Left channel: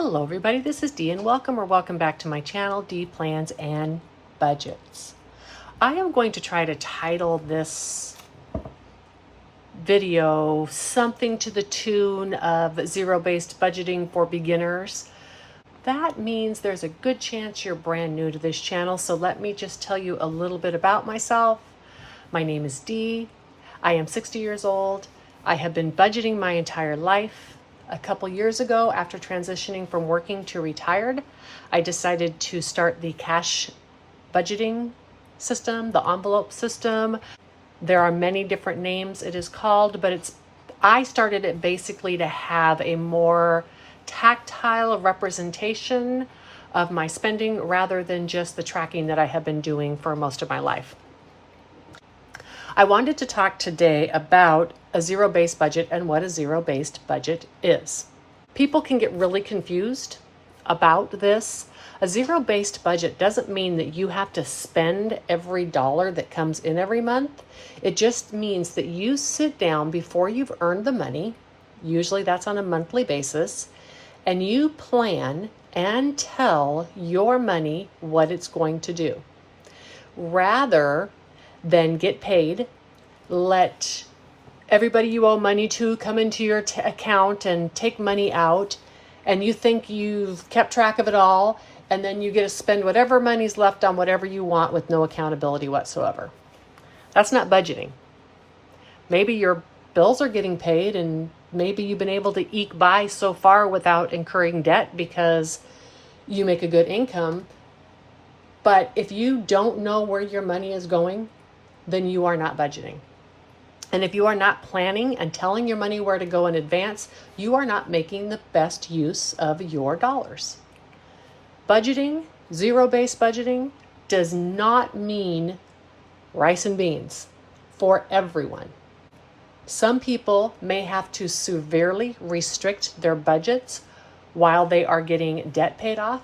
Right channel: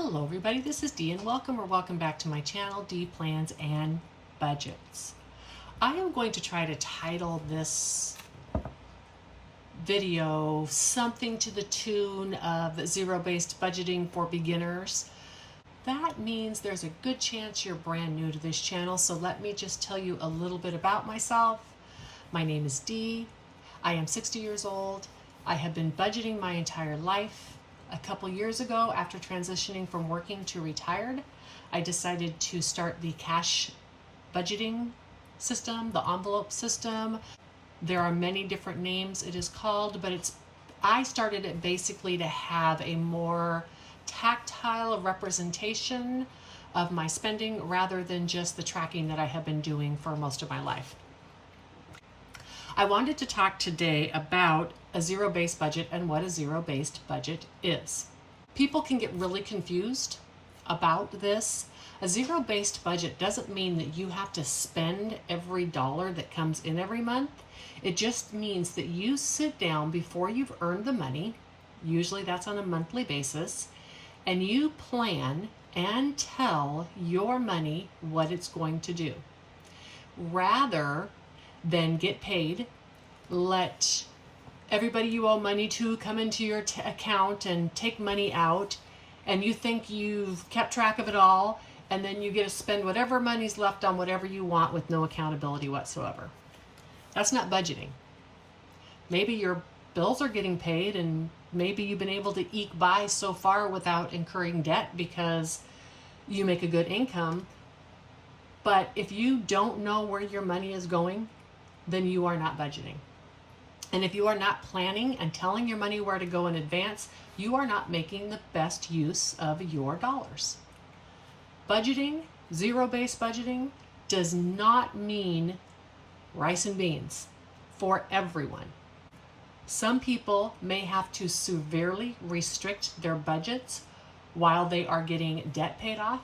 Hello everybody, this is Dee and welcome back to my channel, Dee Plans and Budgets. I am going to try to title this video something to the tune of zero-based budgeting for beginners. That means there's a good chance you're brand new to this channel, so let me just tell you a little bit about myself. My name is Dee. I am 60 years old. I have been budgeting my entire life. A couple years ago, after transitioning from working to retired, I decided to start the cash budgeting system, the envelope system. There are many different names it is called, but I started it basically to have a more tactile representation of my spending rather than just the tracking that I have been doing for most of my life. I wanted to talk today about a zero-based budget and what a zero-based budget is. People can get really confused about this. A zero-based budget doesn't mean that you have to spend every dollar that comes in every month. It just means that you sit down before you've earned the money, usually that's on a monthly basis, and you plan and tell your money what it's going to do. Rather than get paid, let everybody you owe money to come into your account and take money out, and you think you've kept track of it all, and then you get to spend whatever money's left on whatever you want with no accountability whatsoever. That's not budgeting. Maybe your bills are getting paid and maybe you've been able to eke by so far without incurring debt because you make a good income. But if you don't know where your money is going, then you are not budgeting. And if you are not planning and telling your money where to go in advance, you are not making the best use of your dollars. Budgeting, zero-based budgeting, does not mean rice and beans for everyone. Some people may have to severely restrict their budgets while they are getting debt paid off.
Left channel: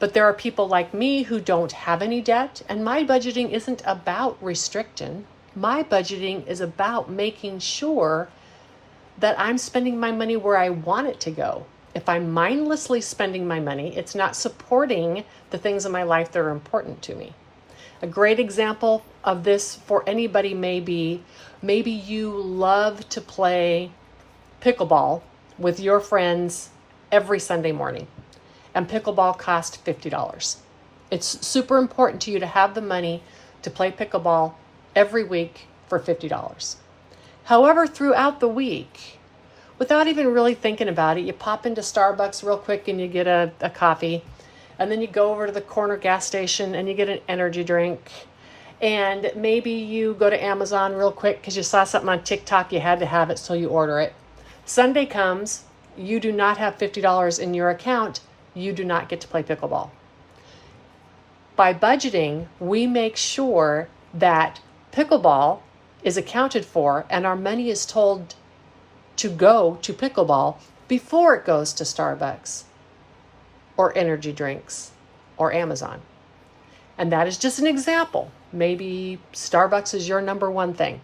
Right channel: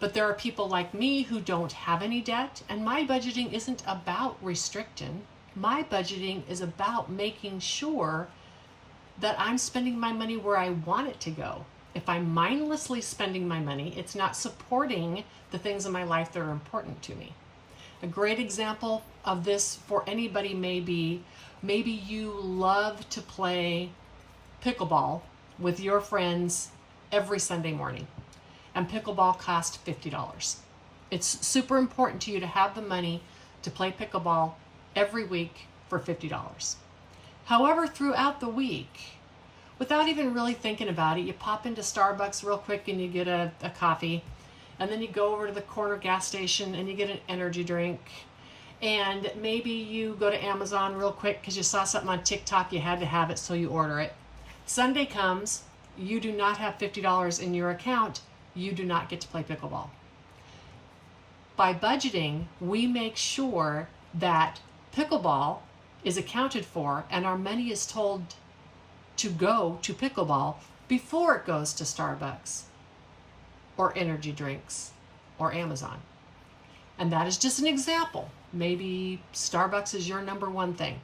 But there are people like me who don't have any debt, and my budgeting isn't about restricting. My budgeting is about making sure that I'm spending my money where I want it to go. If I'm mindlessly spending my money, it's not supporting the things in my life that are important to me. A great example of this for anybody may be, maybe you love to play pickleball with your friends every Sunday morning. And pickleball costs $50. It's super important to you to have the money to play pickleball every week for $50. However, throughout the week, without even really thinking about it, you pop into Starbucks real quick and you get a coffee, and then you go over to the corner gas station and you get an energy drink, and maybe you go to Amazon real quick because you saw something on TikTok, you had to have it, so you order it. Sunday comes, you do not have $50 in your account, you do not get to play pickleball. By budgeting, we make sure that pickleball is accounted for and our money is told to go to pickleball before it goes to Starbucks or energy drinks or Amazon. And that is just an example. Maybe Starbucks is your number one thing.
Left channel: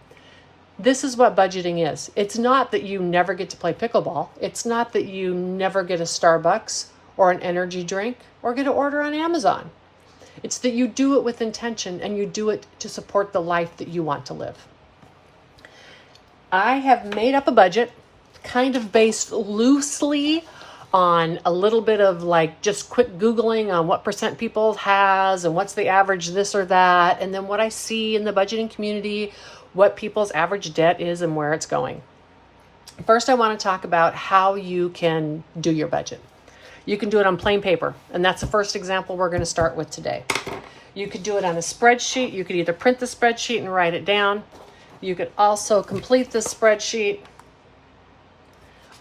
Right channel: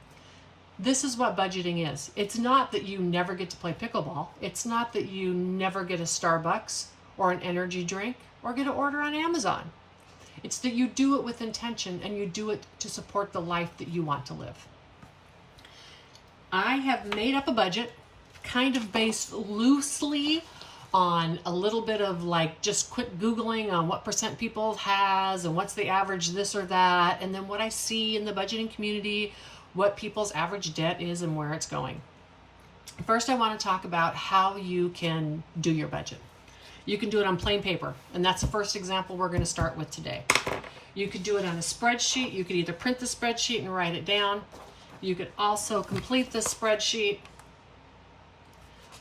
This is what budgeting is. It's not that you never get to play pickleball. It's not that you never get a Starbucks or an energy drink, or get an order on Amazon. It's that you do it with intention and you do it to support the life that you want to live. I have made up a budget kind of based loosely on a little bit of like just quick Googling on what percent people has and what's the average this or that, and then what I see in the budgeting community, what people's average debt is and where it's going. First, I want to talk about how you can do your budget. You can do it on plain paper, and that's the first example we're going to start with today. You could do it on a spreadsheet. You could either print the spreadsheet and write it down. You could also complete the spreadsheet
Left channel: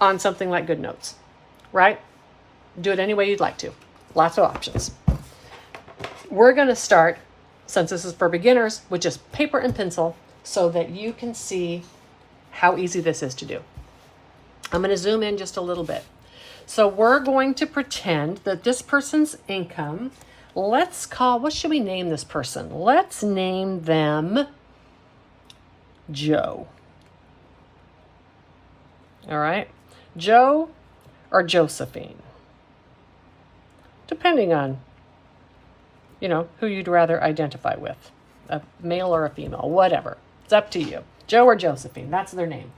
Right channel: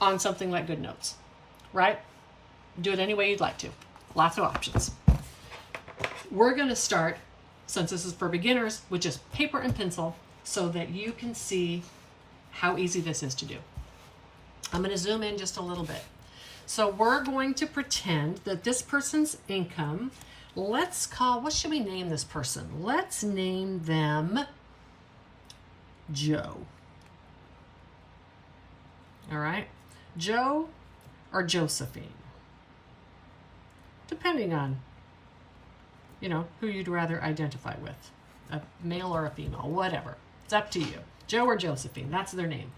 on something like GoodNotes, right? Do it any way you'd like to. Lots of options. We're going to start, since this is for beginners, with just paper and pencil so that you can see how easy this is to do. I'm going to zoom in just a little bit. So we're going to pretend that this person's income, what should we name this person? Let's name them Joe. All right, Joe or Josephine. depending on, who you'd rather identify with, a male or a female, whatever. It's up to you. Joe or Josephine, that's their name.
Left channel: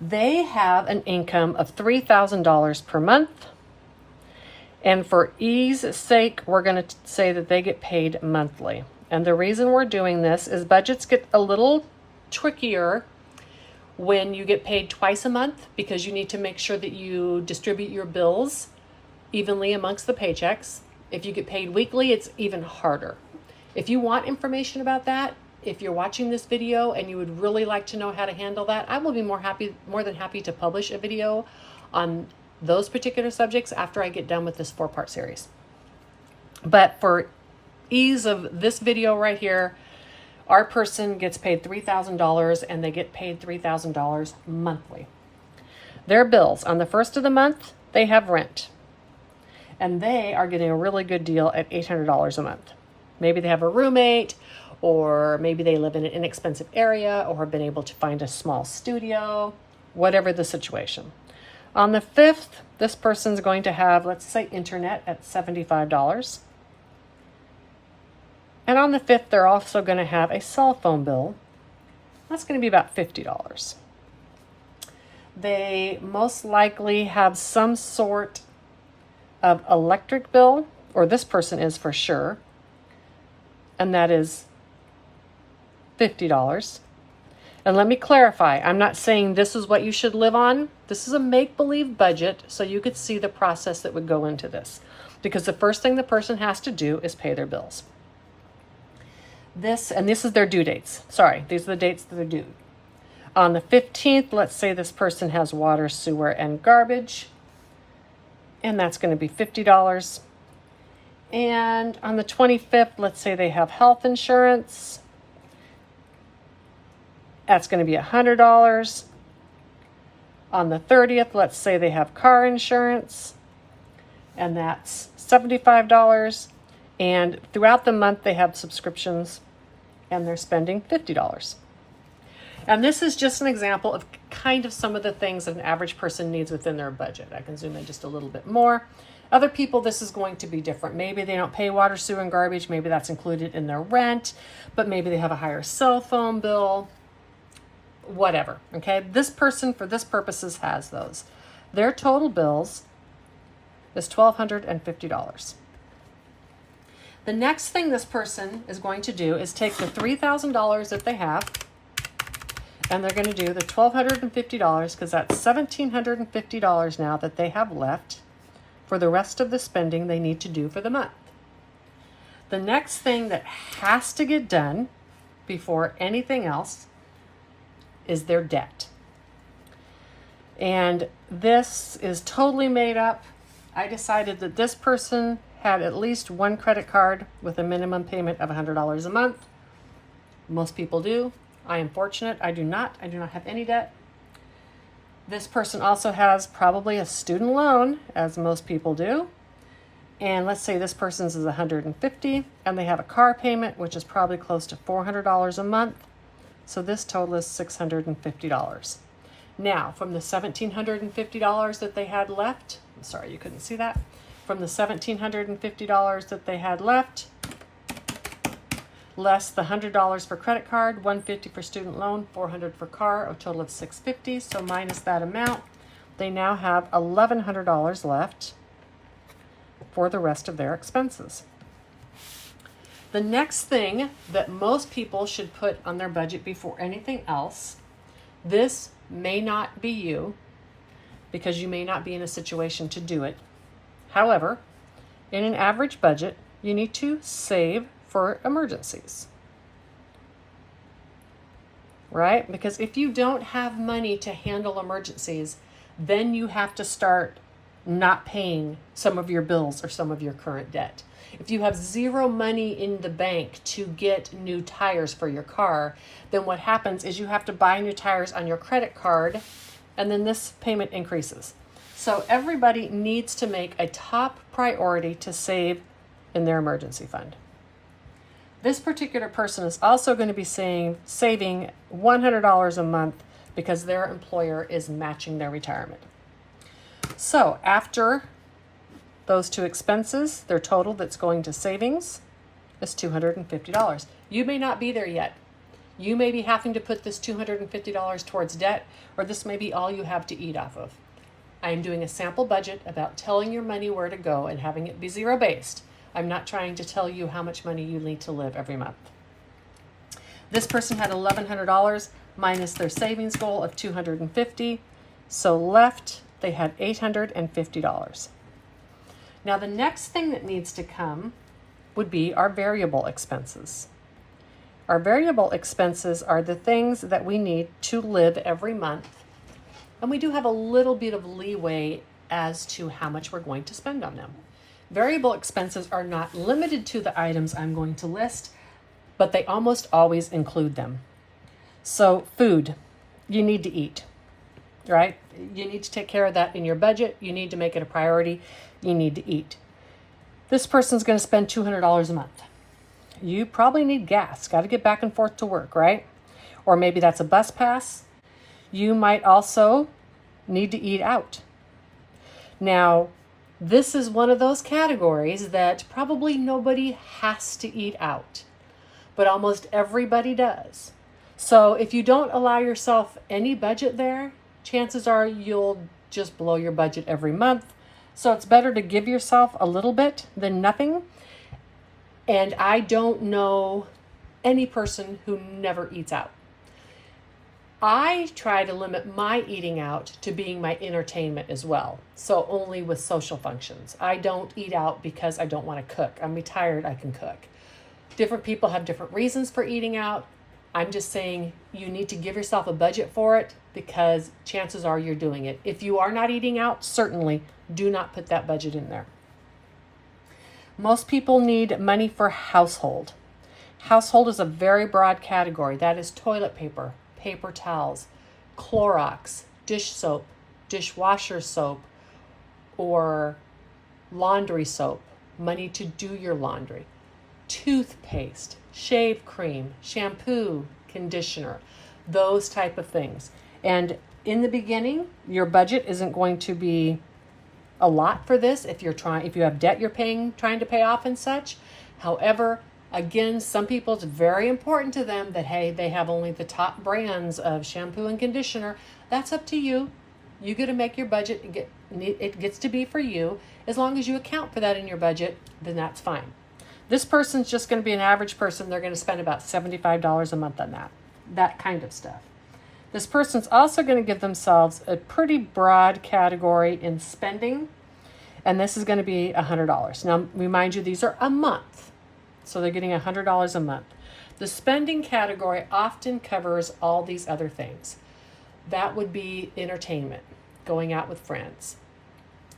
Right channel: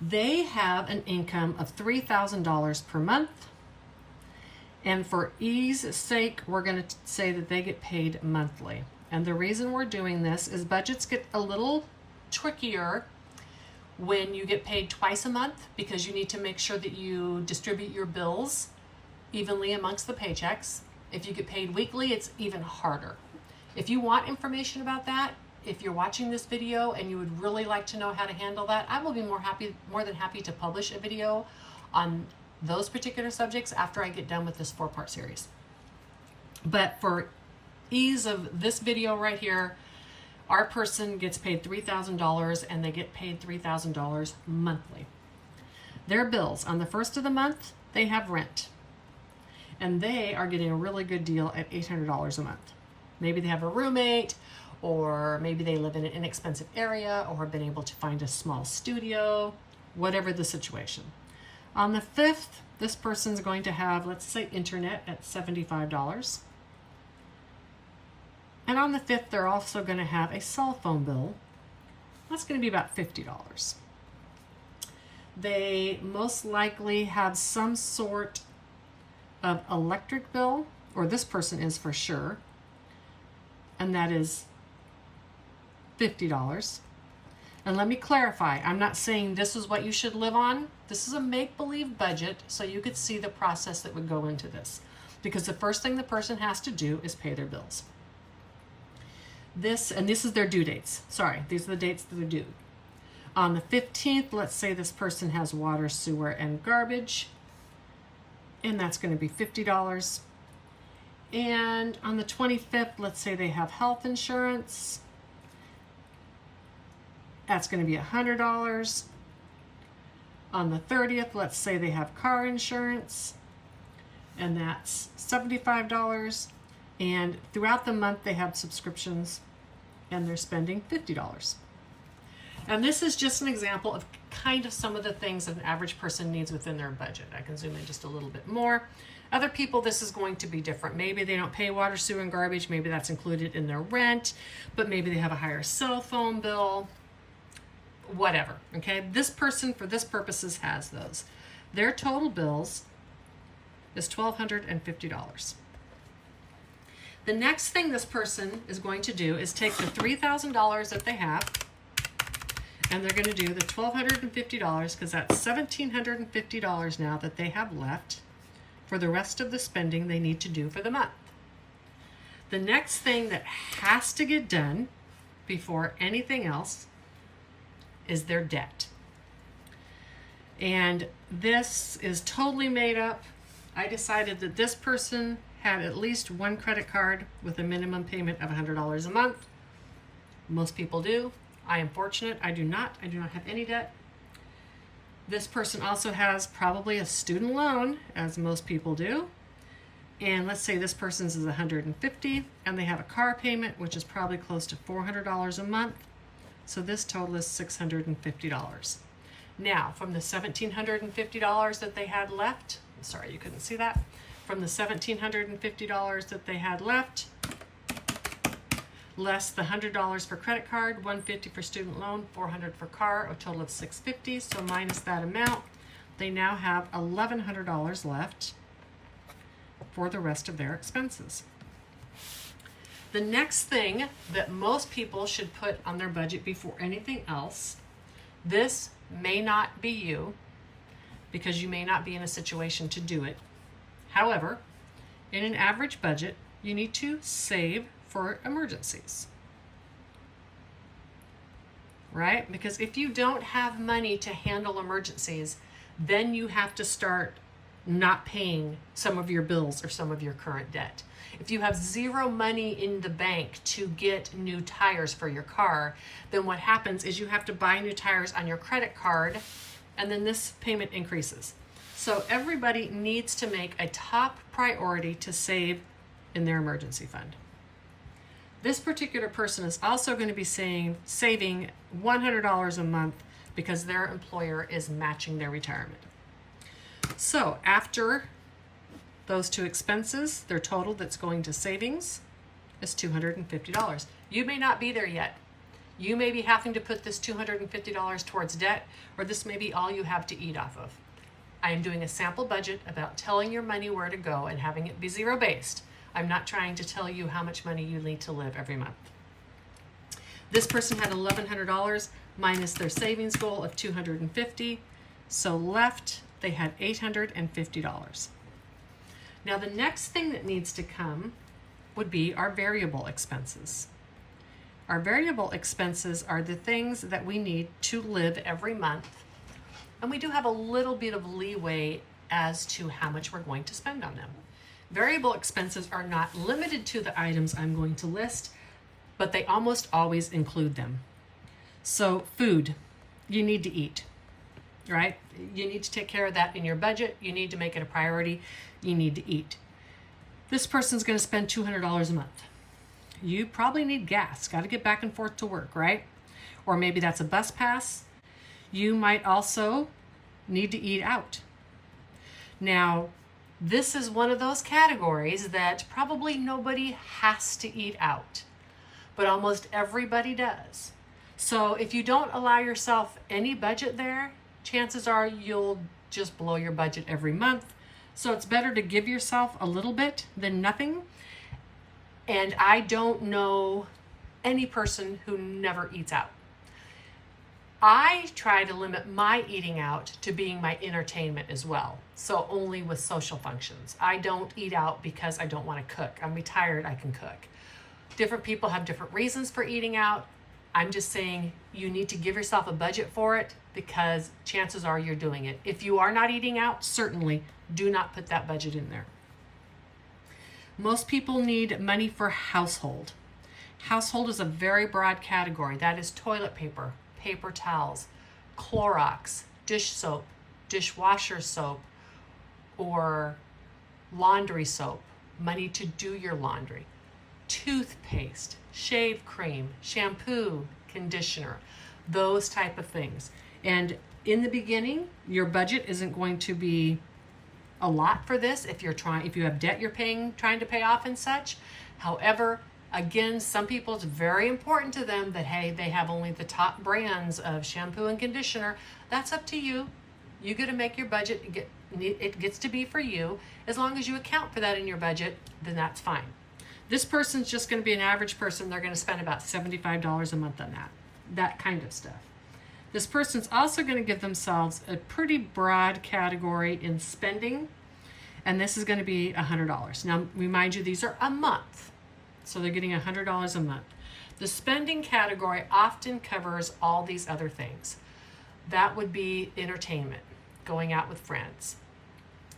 They have an income of $3,000 per month. And for ease sake, we're going to say that they get paid monthly. And the reason we're doing this is budgets get a little trickier when you get paid twice a month, because you need to make sure that you distribute your bills evenly amongst the paychecks. If you get paid weekly, it's even harder. If you want information about that, if you're watching this video and you would really like to know how to handle that, I will be more than happy to publish a video on those particular subjects after I get done with this 4-part series. But for ease of this video right here, our person gets paid $3,000 and they get paid $3,000 monthly. Their bills, on the first of the month, they have rent. And they are getting a really good deal at $800 a month. Maybe they have a roommate, or maybe they live in an inexpensive area, or have been able to find a small studio, whatever the situation. On the 5th, this person's going to have, let's say, internet at $75. And on the 5th, they're also going to have a cell phone bill. That's going to be about $50. They most likely have some sort of electric bill, or this person is for sure, and that is $50. And let me clarify, I'm not saying this is what you should live on. This is a make-believe budget, so you could see the process that would go into this. Because the first thing the person has to do is pay their bills. This is their due dates. Sorry, these are the dates that they're due. On the 15th, let's say this person has water, sewer, and garbage. And that's going to be $50. And on the 25th, let's say they have health insurance. That's going to be $100. On the 30th, let's say they have car insurance. And that's $75. And throughout the month, they have subscriptions. And they're spending $50. And this is just an example of kind of some of the things that an average person needs within their budget. I can zoom in just a little bit more. Other people, this is going to be different. Maybe they don't pay water, sewer, and garbage. Maybe that's included in their rent, but maybe they have a higher cell phone bill, whatever, okay? This person, for this purposes, has those. Their total bills is $1,250. The next thing this person is going to do is take the $3,000 that they have, and they're going to do the $1,250, because that's $1,750 now that they have left for the rest of the spending they need to do for the month. The next thing that has to get done before anything else is their debt. And this is totally made up. I decided that this person had at least one credit card with a minimum payment of $100 a month. Most people do. I am fortunate. I do not have any debt. This person also has probably a student loan, as most people do. And let's say this person's is $150, and they have a car payment, which is probably close to $400 a month. So this total is $650. Now, from the $1,750 that they had left, I'm sorry you couldn't see that. From the $1,750 that they had left, less the $100 for credit card, $150 for student loan, $400 for car, a total of $650. So minus that amount, they now have $1,100 left for the rest of their expenses. The next thing that most people should put on their budget before anything else, this may not be you, because you may not be in a situation to do it. However, in an average budget, you need to save for emergencies, right? Because if you don't have money to handle emergencies, then you have to start not paying some of your bills or some of your current debt. If you have zero money in the bank to get new tires for your car, then what happens is you have to buy new tires on your credit card, and then this payment increases. So everybody needs to make a top priority to save in their emergency fund. This particular person is also going to be saving $100 a month because their employer is matching their retirement. So after those two expenses, their total that's going to savings is $250. You may not be there yet. You may be having to put this $250 towards debt, or this may be all you have to eat off of. I am doing a sample budget about telling your money where to go and having it be zero-based. I'm not trying to tell you how much money you need to live every month. This person had $1,100 minus their savings goal of $250. So left, they had $850. Now the next thing that needs to come would be our variable expenses. Our variable expenses are the things that we need to live every month. And we do have a little bit of leeway as to how much we're going to spend on them. Variable expenses are not limited to the items I'm going to list, but they almost always include them. So food, you need to eat, right? You need to take care of that in your budget. You need to make it a priority. You need to eat. This person's going to spend $200 a month. You probably need gas. Got to get back and forth to work, right? Or maybe that's a bus pass. You might also need to eat out. Now, this is one of those categories that probably nobody has to eat out, but almost everybody does. So if you don't allow yourself any budget there, chances are you'll just blow your budget every month. So it's better to give yourself a little bit than nothing. And I don't know any person who never eats out. I try to limit my eating out to being my entertainment as well. So only with social functions. I don't eat out because I don't want to cook. I'm retired, I can cook. Different people have different reasons for eating out. I'm just saying you need to give yourself a budget for it because chances are you're doing it. If you are not eating out, certainly do not put that budget in there. Most people need money for household. Household is a very broad category. That is toilet paper, paper towels, Clorox, dish soap, dishwasher soap, or laundry soap, money to do your laundry, toothpaste, shave cream, shampoo, conditioner, those type of things. And in the beginning, your budget isn't going to be a lot for this if you have debt you're trying to pay off and such. However, again, some people, it's very important to them that, hey, they have only the top brands of shampoo and conditioner. That's up to you. You get to make your budget. It gets to be for you. As long as you account for that in your budget, then that's fine. This person's just going to be an average person. They're going to spend about $75 a month on that kind of stuff. This person's also going to give themselves a pretty broad category in spending, and this is going to be $100. Now, remind you, these are a month, so they're getting $100 a month. The spending category often covers all these other things. That would be entertainment, going out with friends.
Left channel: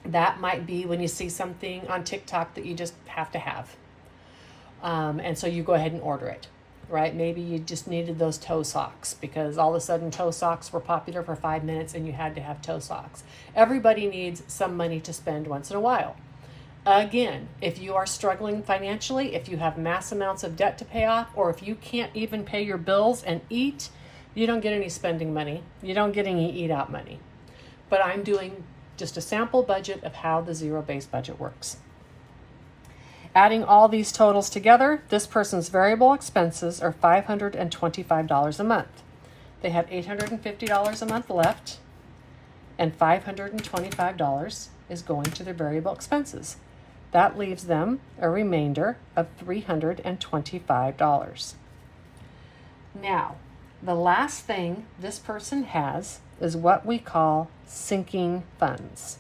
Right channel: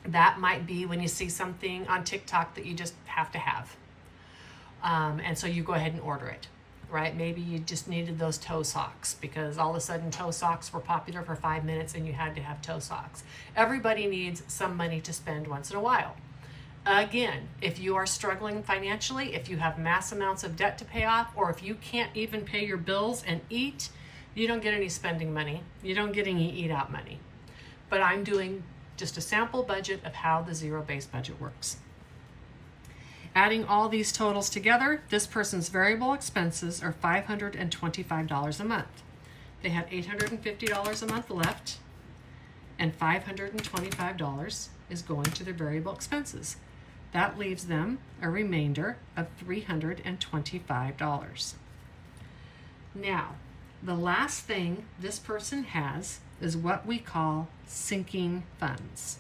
That might be when you see something on TikTok that you just have to have. And so you go ahead and order it, right? Maybe you just needed those toe socks because all of a sudden toe socks were popular for 5 minutes and you had to have toe socks. Everybody needs some money to spend once in a while. Again, if you are struggling financially, if you have mass amounts of debt to pay off, or if you can't even pay your bills and eat, you don't get any spending money. You don't get any eat out money. But I'm doing just a sample budget of how the zero-based budget works. Adding all these totals together, this person's variable expenses are $525 a month. They have $850 a month left, and $525 is going to their variable expenses. That leaves them a remainder of $325. Now, the last thing this person has is what we call sinking funds.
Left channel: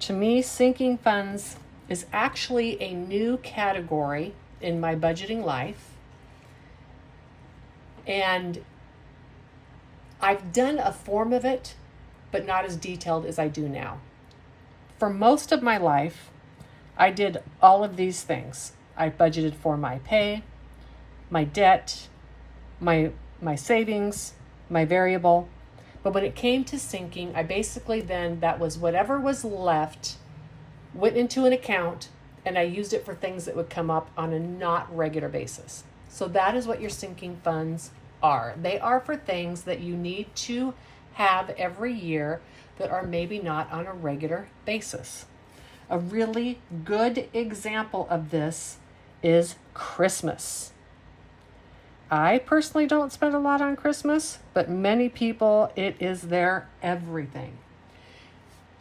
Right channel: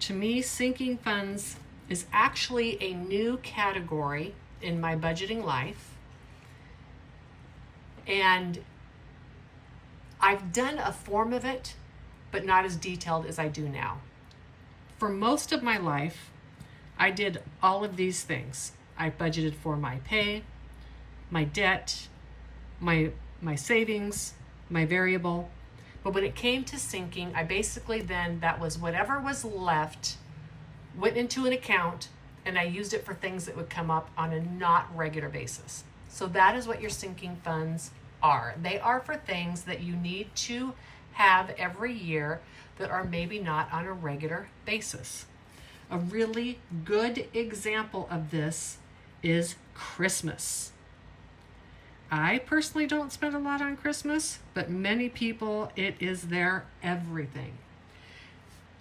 To me, sinking funds is actually a new category in my budgeting life. And I've done a form of it, but not as detailed as I do now. For most of my life, I did all of these things. I budgeted for my pay, my debt, my savings, my variable. But when it came to sinking, I basically then, that was whatever was left, went into an account, and I used it for things that would come up on a not regular basis. So that is what your sinking funds are. They are for things that you need to have every year that are maybe not on a regular basis. A really good example of this is Christmas. I personally don't spend a lot on Christmas, but many people, it is their everything.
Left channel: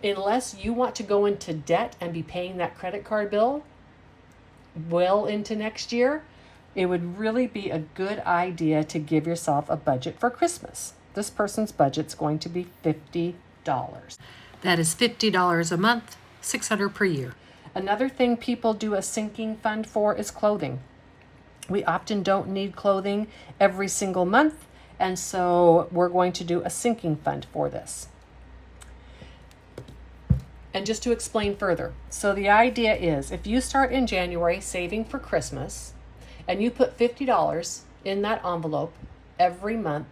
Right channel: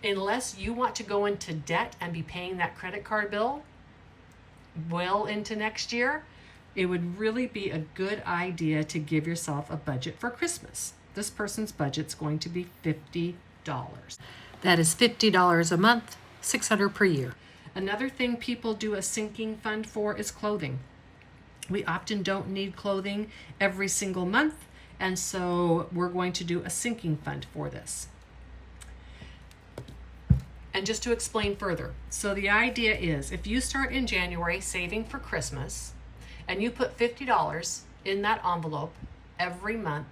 Unless you want to go into debt and be paying that credit card bill well into next year, it would really be a good idea to give yourself a budget for Christmas. This person's budget's going to be $50. That is $50 a month, $600 per year. Another thing people do a sinking fund for is clothing. We often don't need clothing every single month, and so we're going to do a sinking fund for this. And just to explain further, so the idea is if you start in January saving for Christmas and you put $50 in that envelope every month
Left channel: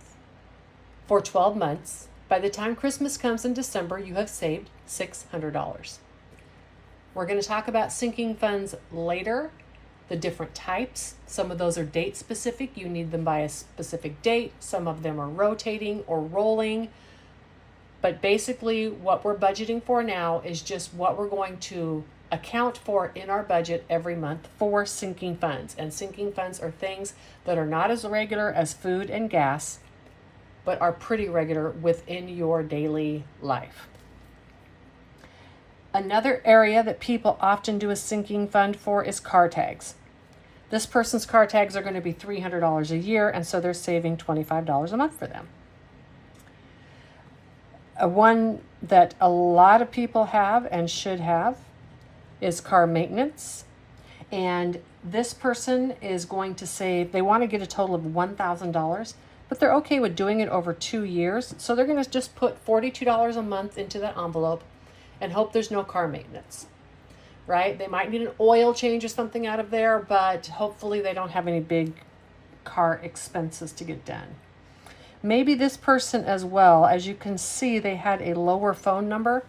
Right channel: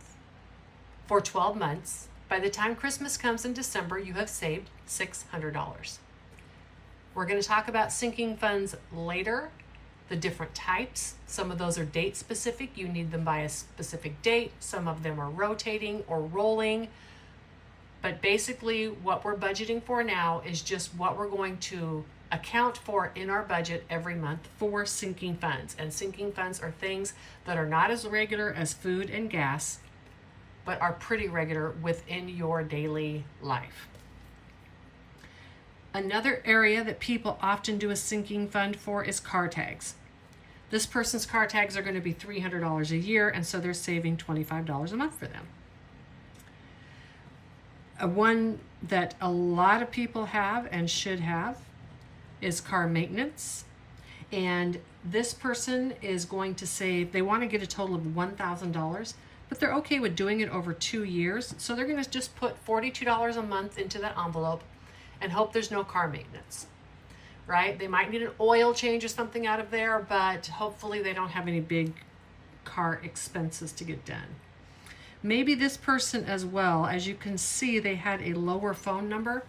for 12 months, by the time Christmas comes in December, you have saved $600. We're going to talk about sinking funds later, the different types. Some of those are date specific. You need them by a specific date. Some of them are rotating or rolling. But basically what we're budgeting for now is just what we're going to account for in our budget every month for sinking funds. And sinking funds are things that are not as regular as food and gas, but are pretty regular within your daily life. Another area that people often do a sinking fund for is car tags. This person's car tags are going to be $300 a year, and so they're saving $25 a month for them. One that a lot of people have and should have is car maintenance. And this person is going to save, they want to get a total of $1,000, but they're okay with doing it over 2 years. So they're going to just put $42 a month into that envelope and hope there's no car maintenance, right? They might need an oil change or something out of there, but hopefully they don't have any big car expenses to get done. Maybe this person as well, as you can see, they had a lower phone number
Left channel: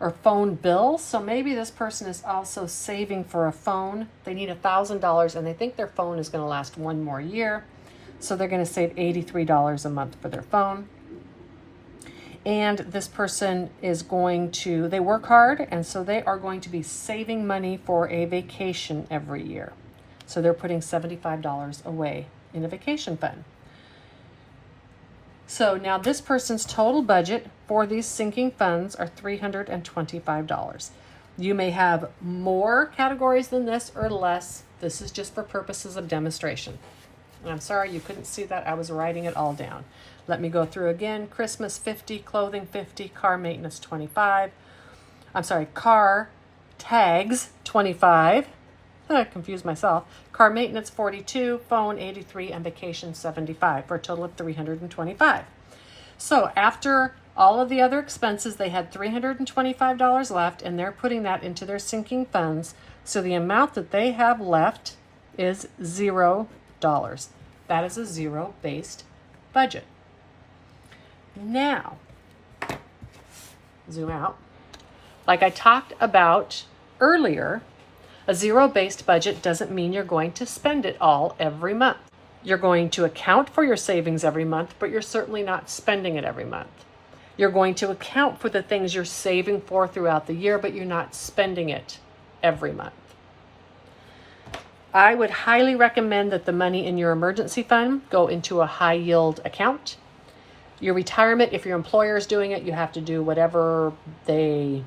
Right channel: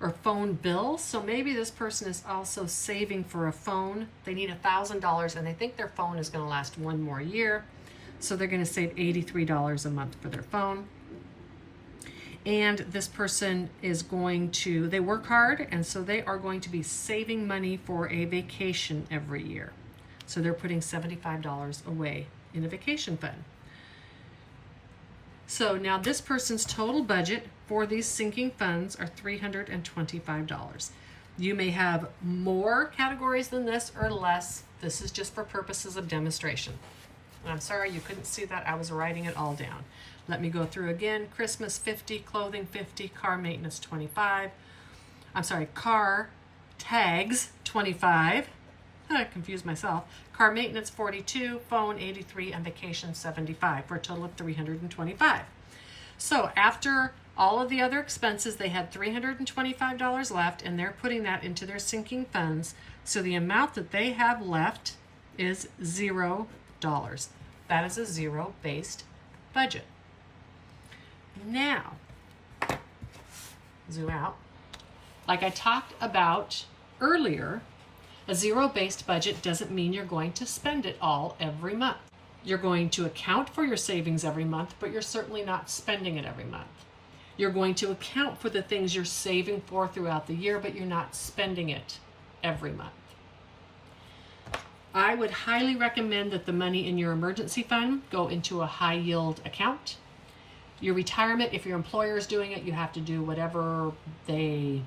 or phone bill. So maybe this person is also saving for a phone. They need $1,000 and they think their phone is going to last 1 more year. So they're going to save $83 a month for their phone. And this person is going to, they work hard, and so they are going to be saving money for a vacation every year. So they're putting $75 away in a vacation fund. So now this person's total budget for these sinking funds are $325. You may have more categories than this or less. This is just for purposes of demonstration. And I'm sorry you couldn't see that. I was writing it all down. Let me go through again. Christmas 50, clothing 50, car maintenance 25. I'm sorry, car tags 25. I confused myself. Car maintenance 42, phone 83, and vacation 75 for a total of $325. So after all of the other expenses, they had $325 left, and they're putting that into their sinking funds. So the amount that they have left is $0. That is a zero-based budget. Now, zoom out. Like I talked about earlier, a zero-based budget doesn't mean you're going to spend it all every month. You're going to account for your savings every month, but you're certainly not spending it every month. You're going to account for the things you're saving for throughout the year, but you're not spending it every month. I would highly recommend that the money in your emergency fund go into a high yield account. Your retirement, if your employer is doing it, you have to do whatever they,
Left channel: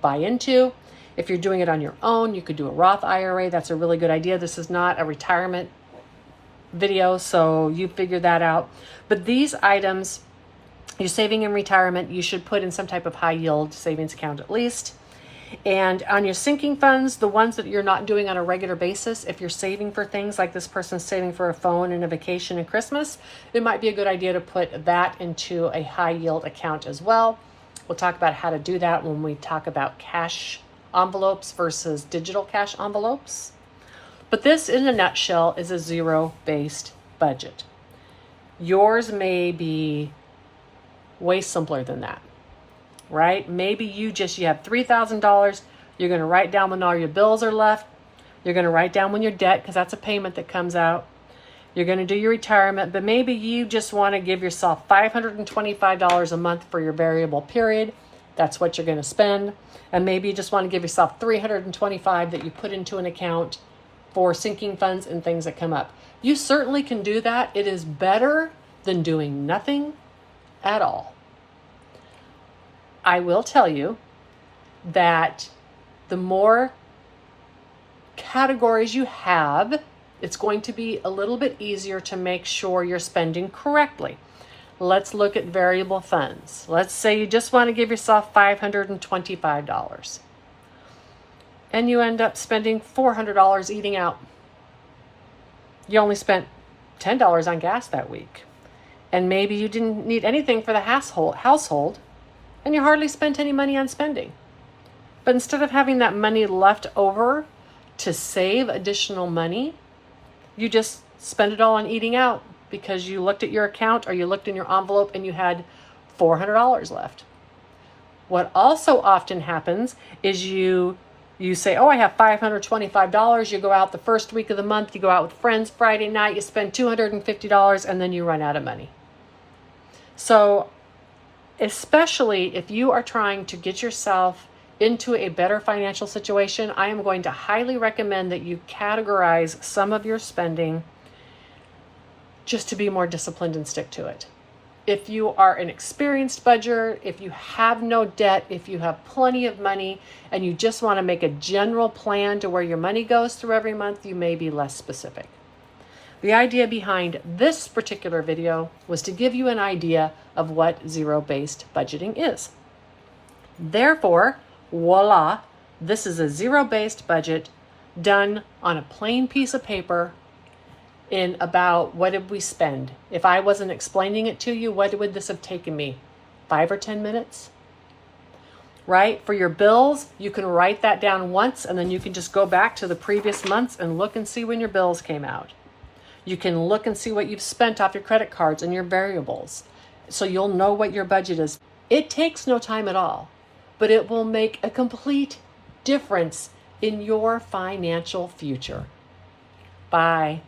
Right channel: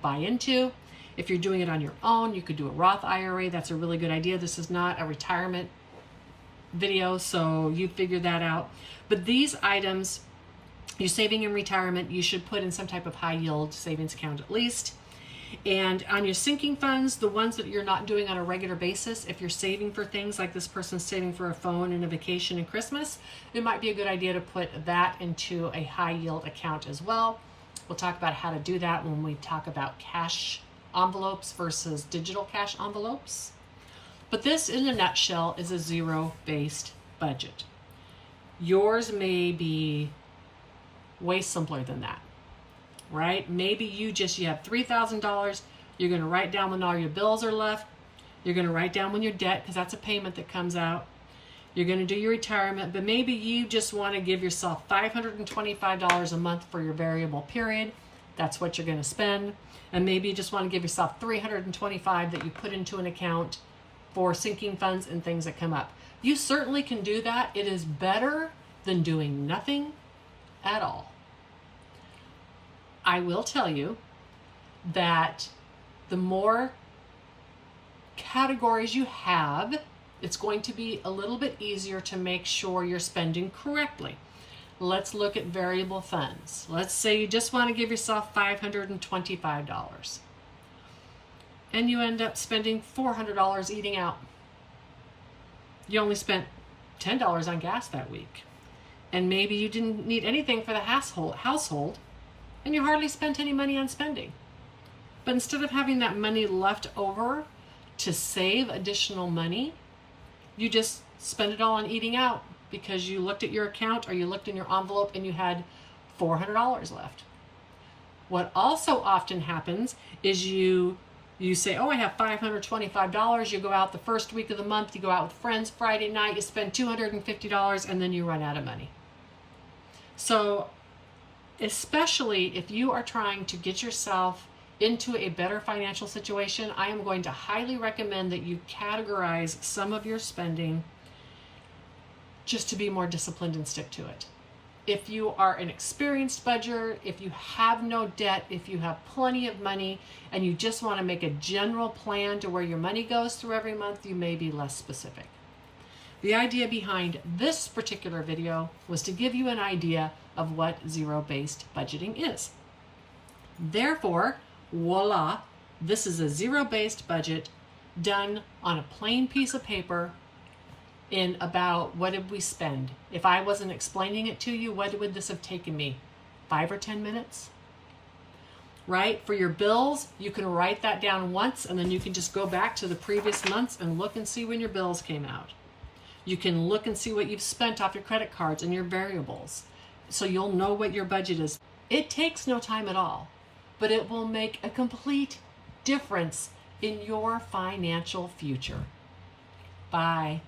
buy into. If you're doing it on your own, you could do a Roth IRA. That's a really good idea. This is not a retirement video, so you figure that out. But these items, you're saving in retirement, you should put in some type of high yield savings account at least. And on your sinking funds, the ones that you're not doing on a regular basis, if you're saving for things like this person's saving for a phone and a vacation and Christmas, it might be a good idea to put that into a high yield account as well. We'll talk about how to do that when we talk about cash envelopes versus digital cash envelopes. But this, in a nutshell, is a zero-based budget. Yours may be way simpler than that, right? Maybe you have $3,000. You're going to write down when all your bills are left. You're going to write down when your debt, because that's a payment that comes out. You're going to do your retirement, but maybe you just want to give yourself $525 a month for your variable period. That's what you're going to spend. And maybe you just want to give yourself $325 that you put into an account for sinking funds and things that come up. You certainly can do that. It is better than doing nothing at all. I will tell you that the more categories you have, it's going to be a little bit easier to make sure you're spending correctly. Let's look at variable funds. Let's say you just want to give yourself $525 and you end up spending $400 eating out. You only spent $10 on gas that week. And maybe you didn't need anything for the household and you hardly spent any money on spending. But instead of having that money left over to save additional money, you just spend it all on eating out because you looked at your account or you looked in your envelope and you had $400 left. What also often happens is you say, oh, I have $525. You go out the first week of the month, you go out with friends Friday night, you spend $250 and then you run out of money. So especially if you are trying to get yourself into a better financial situation, I am going to highly recommend that you categorize some of your spending just to be more disciplined and stick to it. If you are an experienced budgeter, if you have no debt, if you have plenty of money and you just want to make a general plan to where your money goes through every month, you may be less specific. The idea behind this particular video was to give you an idea of what zero-based budgeting is. Therefore, voila, this is a zero-based budget done on a plain piece of paper in about, what did we spend? If I wasn't explaining it to you, what would this have taken me? 5 or 10 minutes? Right? For your bills, you can write that down once and then you can just go back to the previous months and look and see when your bills came out. You can look and see what you've spent off your credit cards and your variables. So you'll know what your budget is. It takes no time at all, but it will make a complete difference in your financial future. Bye.